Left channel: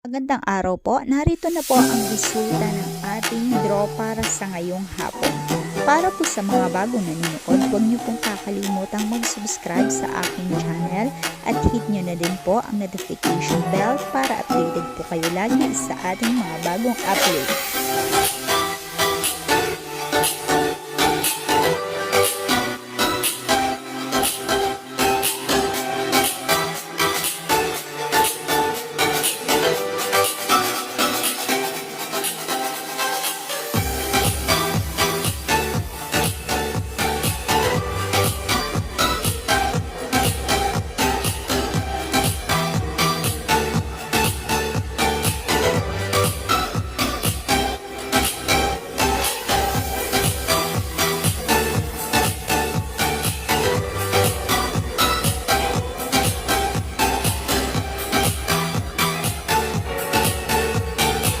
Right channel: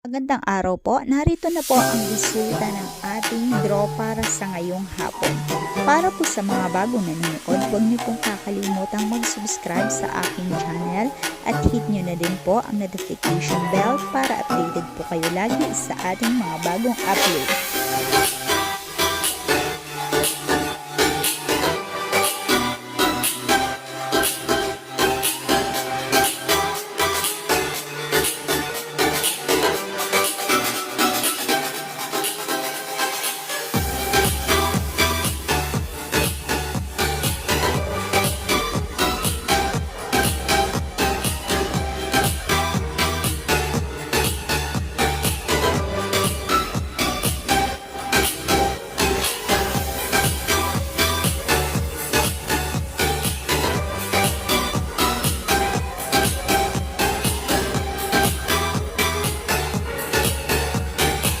Magandang araw po. Narito na po ang resulta ng ating draw para sa ngayong hapon. Para po sa mga bagong nanonood, huwag niyo pong kakalimutang mag-subscribe sa aking channel at hit niyo na din po ang notification bell para updated po kayo lagi sa ating mga bagong upload.